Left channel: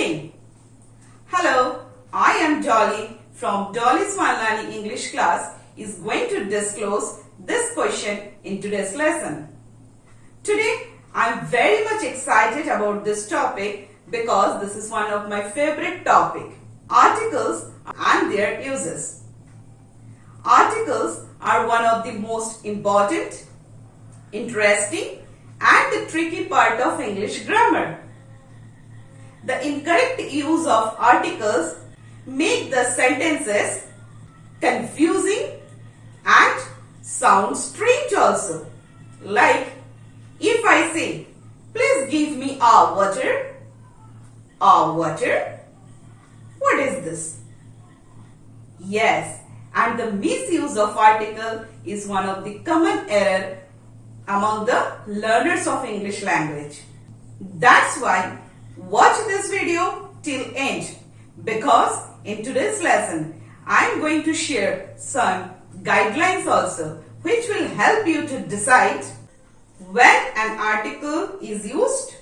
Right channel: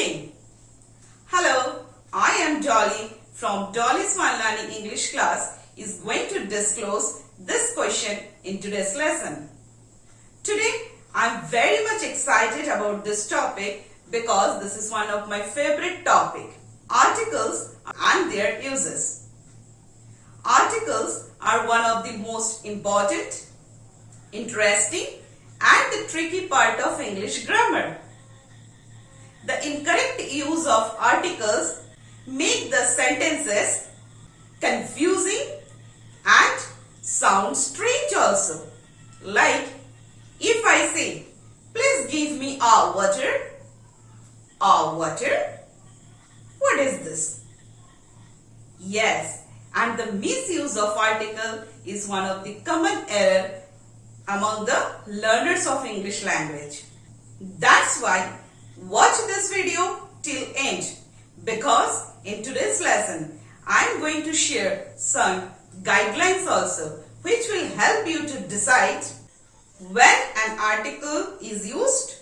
nothing. Hello, I am Dolly from Dolly's One Learning English class is going to disclose this question in today's lesson. Today, I am very much excited about this topic because this is one of my favorite topic, articles and their uses. Articles are one of the most important, interesting and the tricky part of English grammar. The incorrect use of articles make the sentences confusing and sound strange also. Like if I say, please give me a water. A water? What is this? Yes, and the misuse of article is one of the common error among the learners of English language. That's why watch this video till end, because in today's lesson I am going to share some guidelines also which will help you to decide when an article is used,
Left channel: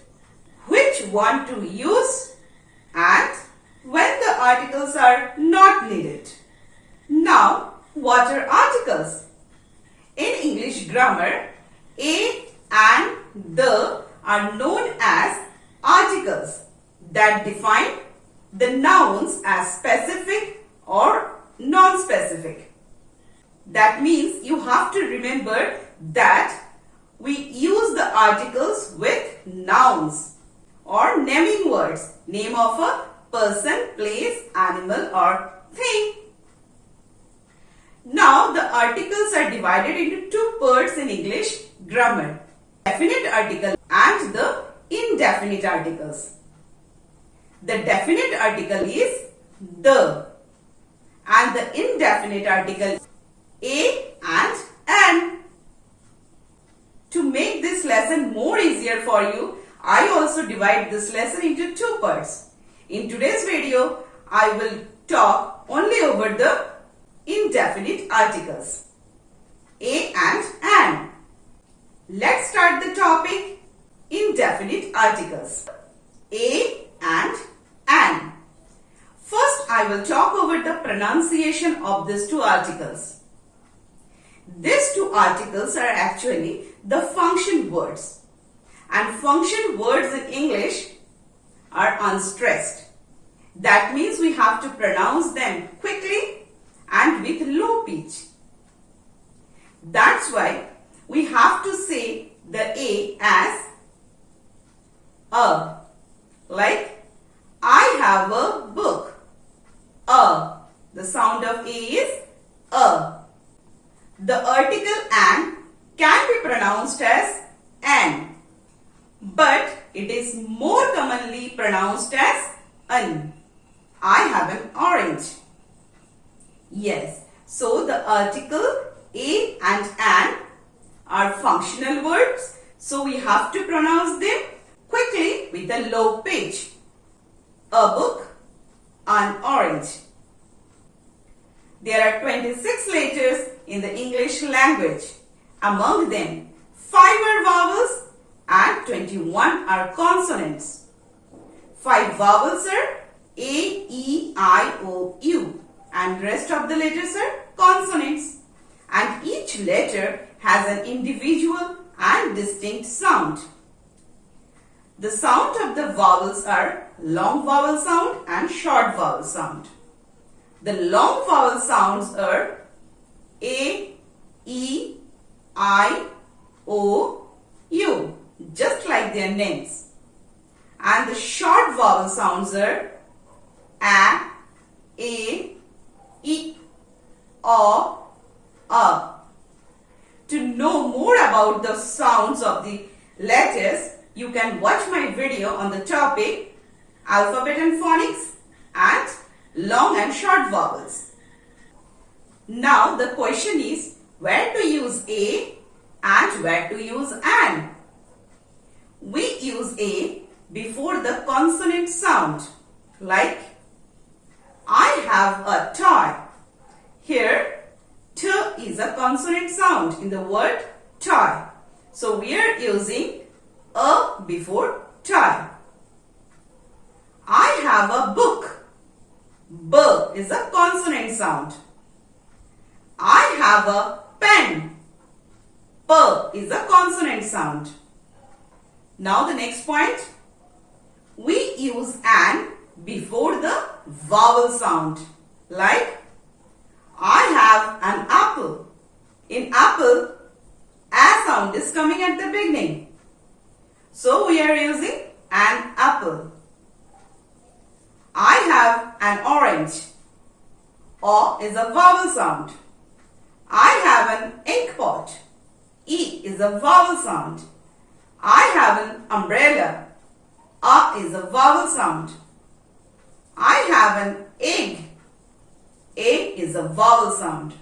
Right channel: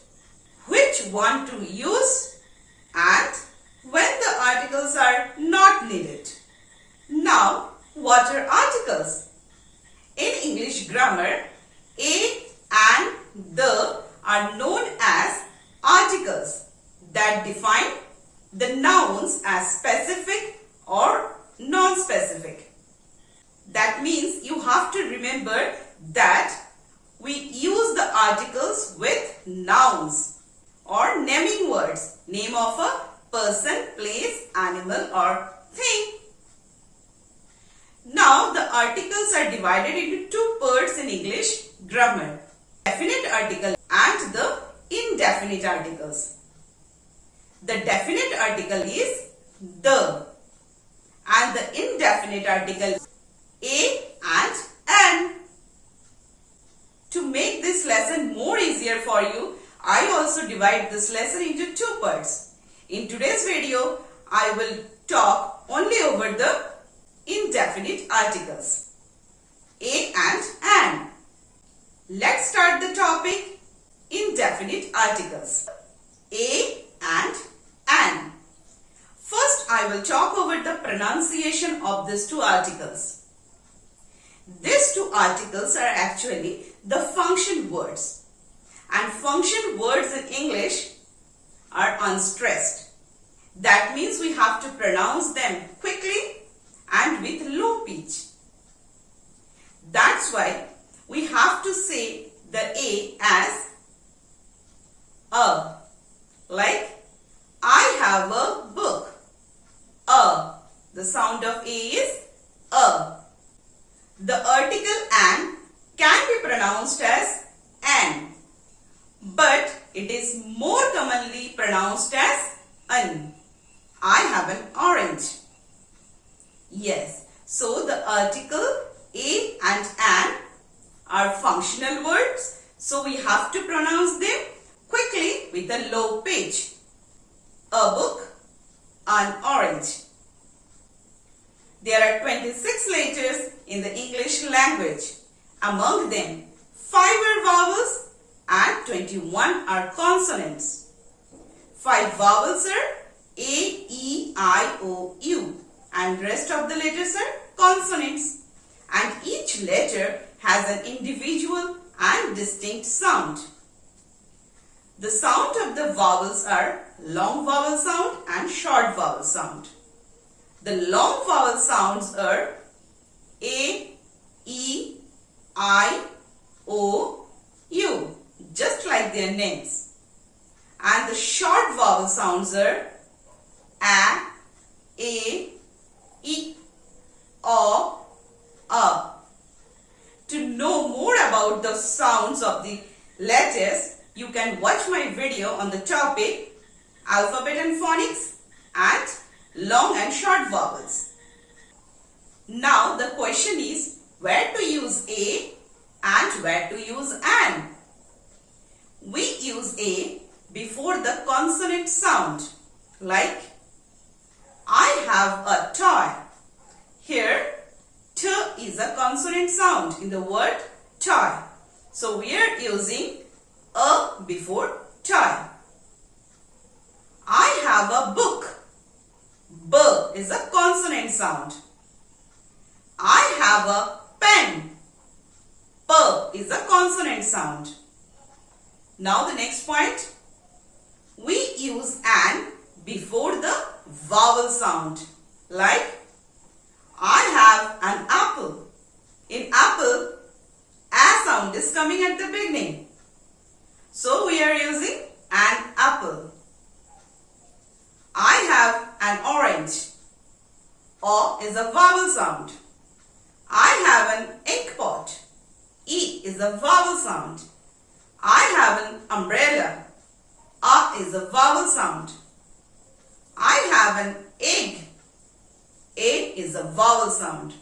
which one to use, and when the articles are not needed. Now, what are articles? In English grammar, a and the are known as articles that define the nouns as specific or non-specific. That means you have to remember that we use the articles with nouns or naming words, name of a person, place, animal or thing. Now the articles are divided into two parts in English grammar, definite article and the indefinite articles. The definite article is the and the indefinite article a and an. To make this lesson more easier for you, I also divide this lesson into two parts. In today's video, I will talk only over the indefinite articles, a and an. Let's start the topic, indefinite articles, a and an. First, I will talk over the pronunciation of these two articles. These two articles are actually the function words, and function words in English are unstressed. That means we have to pronounce them quickly and with low pitch. That's why we have to say the a as a. Like I have a book. A. The sound of a is a. The article an can be pronounced as an, but it is more commonly pronounced as an. I have an orange. Yes, so the article a and an are functional words, so we have to pronounce them quickly with a low pitch. A book, an orange. There are 26 letters in the English language. Among them, 5 are vowels and 21 are consonants. 5 vowels are A, E, I, O, U, and rest of the letters are consonants. And each letter has an individual and distinct sound. The sound of the vowels are long vowel sound and short vowel sound. The long vowel sounds are A, E, I, O, U, just like their names. And the short vowel sounds are A, E, O, A. To know more about the sounds of the letters, you can watch my video on the topic alphabet and phonics and long and short vowels. Now the question is where to use a and where to use an. We use a before the consonant sound, like I have a toy. Here t is a consonant sound in the word toy. So we are using a before toy. I have a book. B is a consonant sound. I have a pen. P is a consonant sound. Now the next point. We use an before the vowel sound. Like, I have an apple. In apple, a sound is coming at the beginning. So we are using an apple. I have an orange. O is a vowel sound. I have an ink pot. E is a vowel sound. I have an umbrella. A is a vowel sound. I have an egg. A is a vowel sound.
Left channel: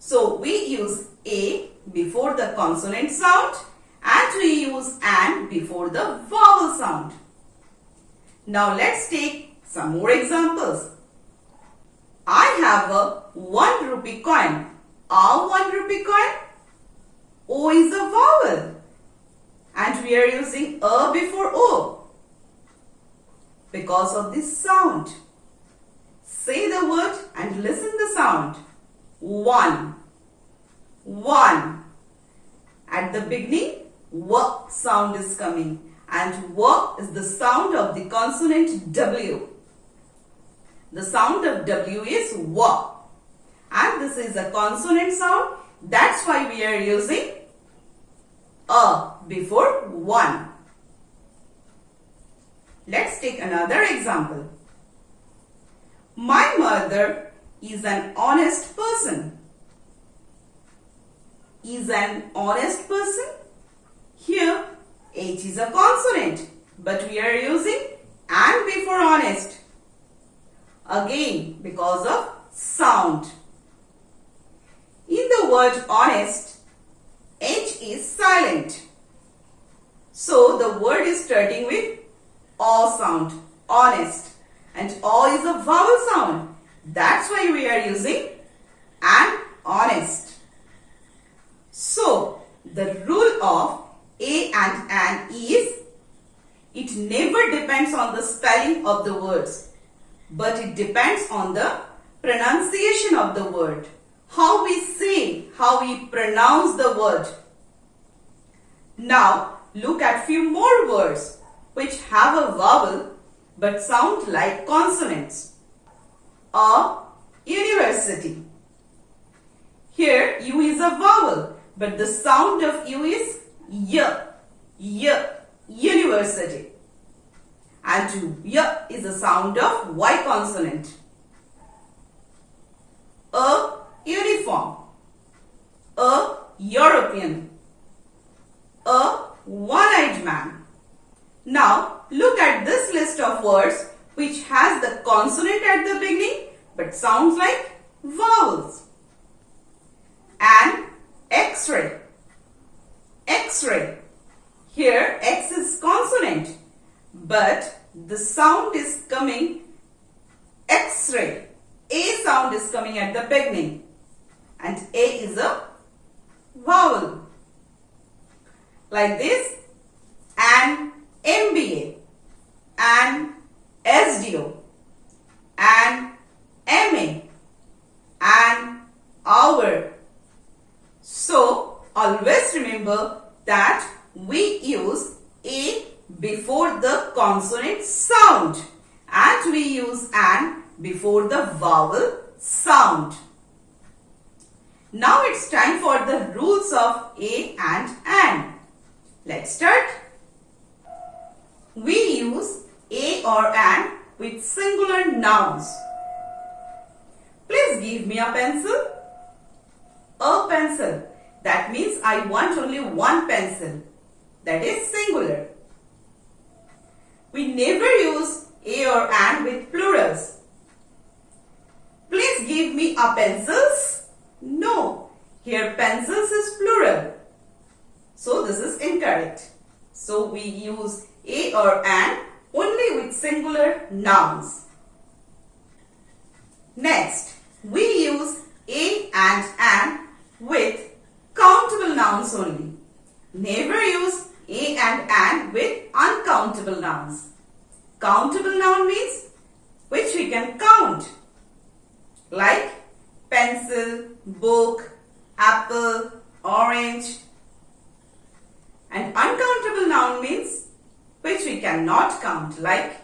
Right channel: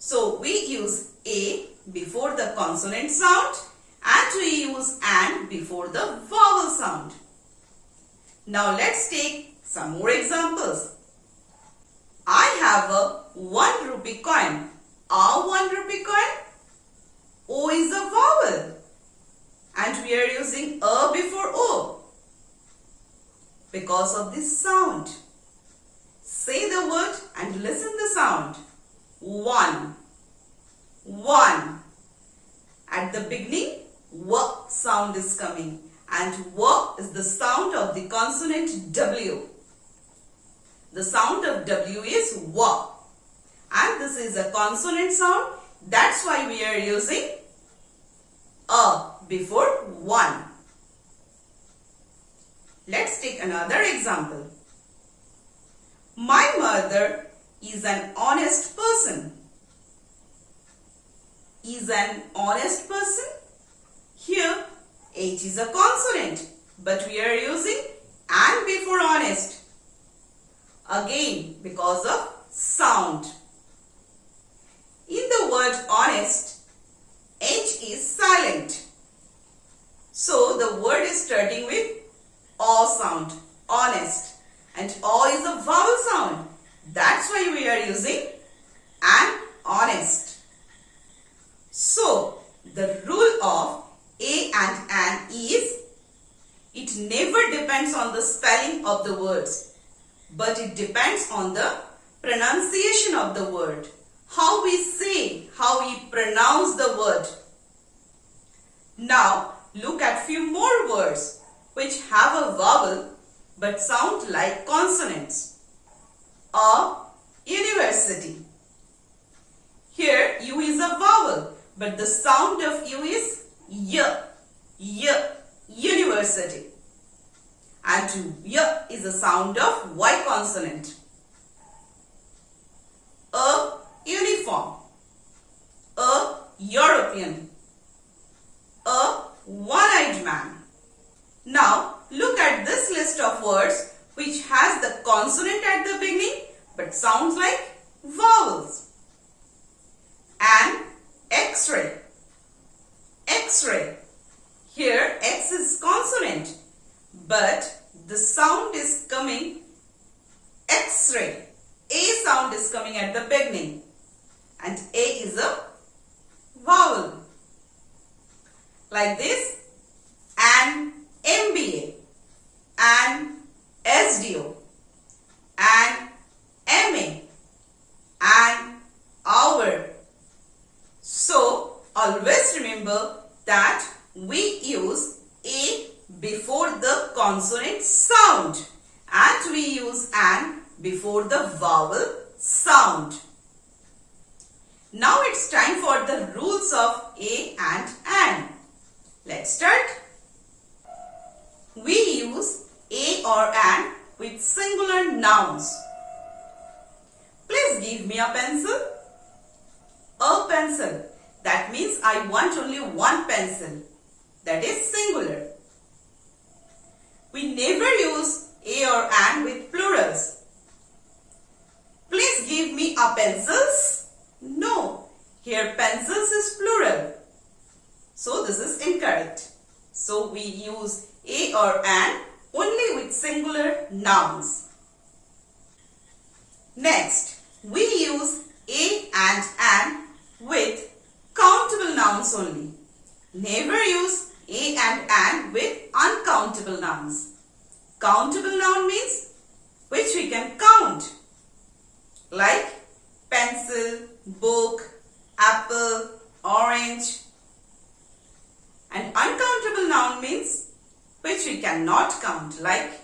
So we use A before the consonant sound and we use an before the vowel sound. Now let's take some more examples. I have a 1 rupee coin. A 1 rupee coin. O is a vowel. And we are using A before O. Because of this sound. Say the word and listen the sound. 1. 1. At the beginning, W sound is coming. And W is the sound of the consonant W. The sound of W is W. And this is a consonant sound. That's why we are using A before 1. Let's take another example. My mother is an honest person. Is an honest person? Here, H is a consonant, but we are using and before honest. Again, because of sound. In the word honest, H is silent. So the word is starting with O sound, honest. And O is a vowel sound. That's why we are using an honest. So the rule of A and an is, it never depends on the spelling of the words, but it depends on the pronunciation of the word. How we say, how we pronounce the word. Now look at few more words which have a vowel but sound like consonants. A university. Here U is a vowel, but the sound of U is Y. Y. University. And Y is the sound of Y consonant. A uniform. A European. A one-eyed man. Now look at this list of words which has the consonant at the beginning but sounds like vowels. An X-ray. X-ray. Here X is consonant but the sound is coming X-ray. A sound is coming at the beginning and A is a vowel. Like this, an MBA, an SDO, an MA, an hour. So always remember that we use A before the consonant sound and we use an before the vowel sound. Now it's time for the rules of A and an. Let's start. We use A or an with singular nouns. Please give me a pencil. A pencil. That means I want only one pencil. That is singular. We never use A or an with plurals. Please give me a pencils. No. Here pencils is plural. So this is incorrect. So we use A or an only with singular nouns. Next, we use A and an with countable nouns only. Never use A and an with uncountable nouns. Countable noun means which we can count, like pencil, book, apple, orange. And uncountable noun means which we cannot count, like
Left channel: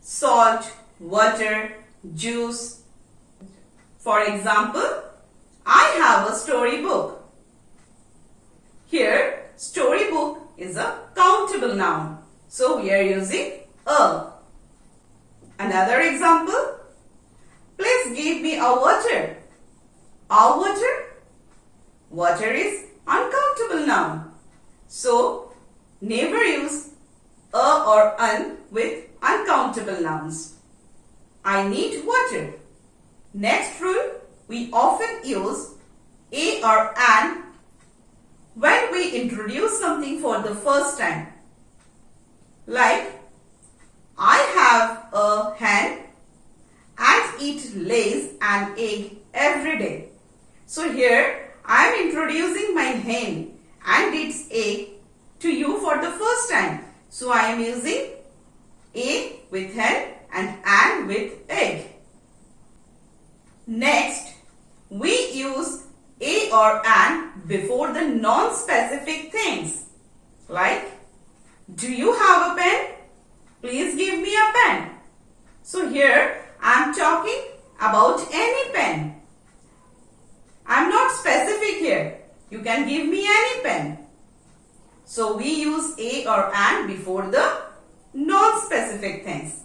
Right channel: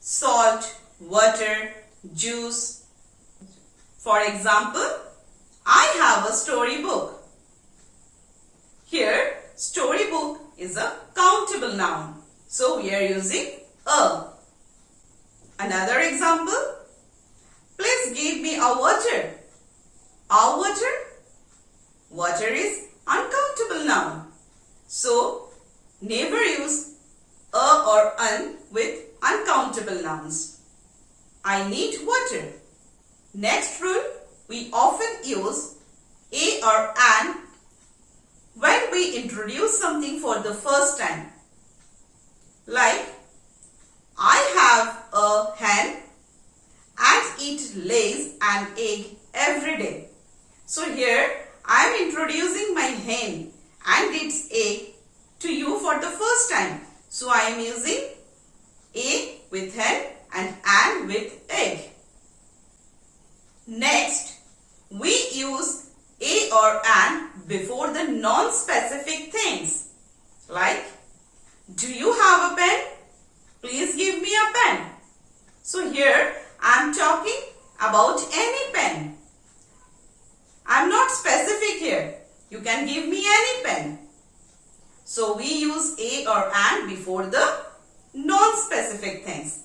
salt, water, juice. For example, I have a storybook. Here, storybook is a countable noun. So, we are using a. Another example, please give me a water. A water? Water is uncountable noun. So, never use a or un with uncountable nouns. I need water. Next rule, we often use a or an when we introduce something for the first time. Like, I have a hen and it lays an egg every day. So here I am introducing my hen and its egg to you for the first time. So I am using a with hen and an with egg. Next, we use a or an before the non-specific things. Like, do you have a pen? Please give me a pen. So here I am talking about any pen. I am not specific here. You can give me any pen. So we use a or an before the non-specific things.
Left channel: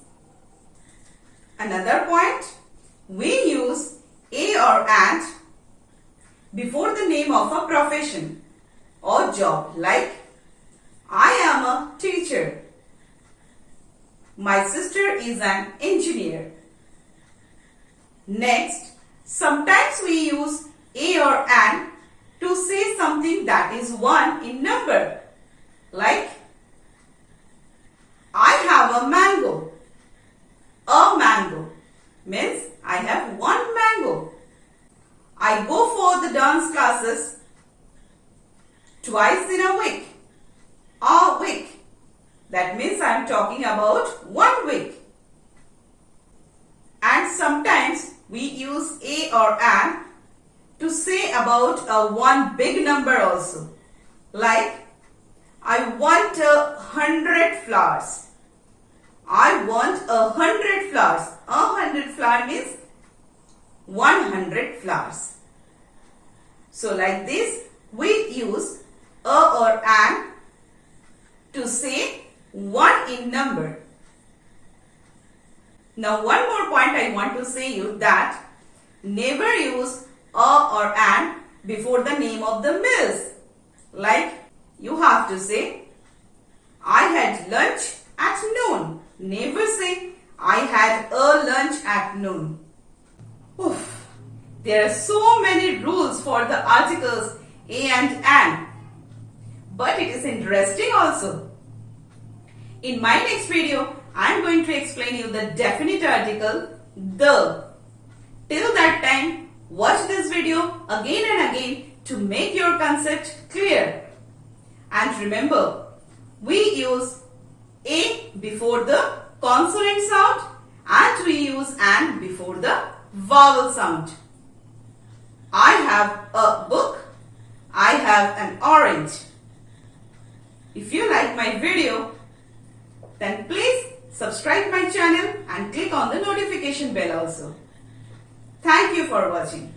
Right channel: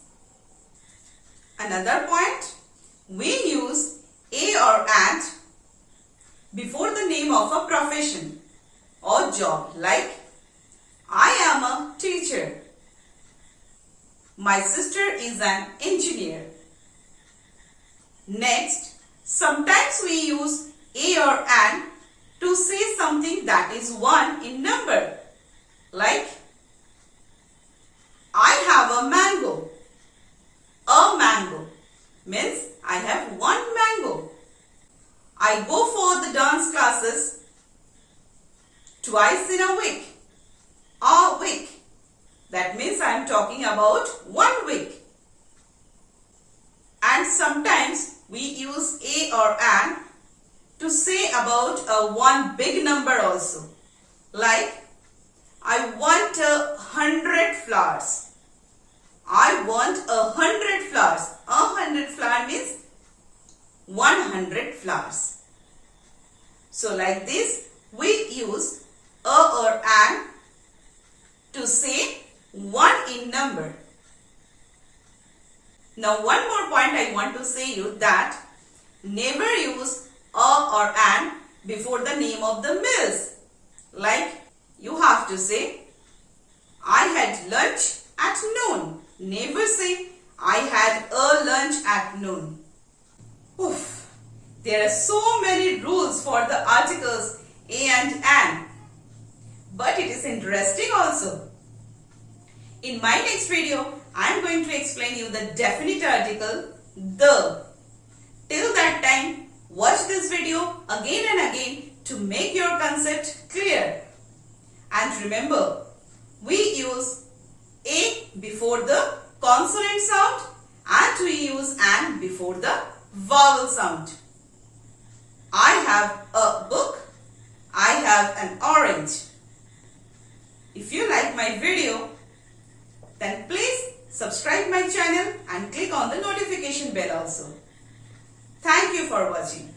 Another point, we use a or an before the name of a profession or job, like I am a teacher. My sister is an engineer. Next, sometimes we use a or an to say something that is 1 in number. Like, I have a mango. A mango means I have 1 mango. I go for the dance classes twice in a week. A week. That means I am talking about 1 week. And sometimes we use a or an to say about a 1 big number also. Like, I want 100 flowers. I want 100 flowers. 100 flower means 100 flowers. So like this, we use a or an to say 1 in number. Now one more point I want to say you that never use a or an before the name of the meals. Like, you have to say, I had lunch at noon. Never say, I had a lunch at noon. Oof. There are so many rules for the articles a and an. But it is interesting also. In my next video, I am going to explain you the definite article, the. Till that time, watch this video again and again to make your concept clear. And remember, we use a before the consonant sound and we use an before the vowel sound. I have a book. I have an orange. If you like my video, then please subscribe my channel and click on the notification bell also. Thank you for watching.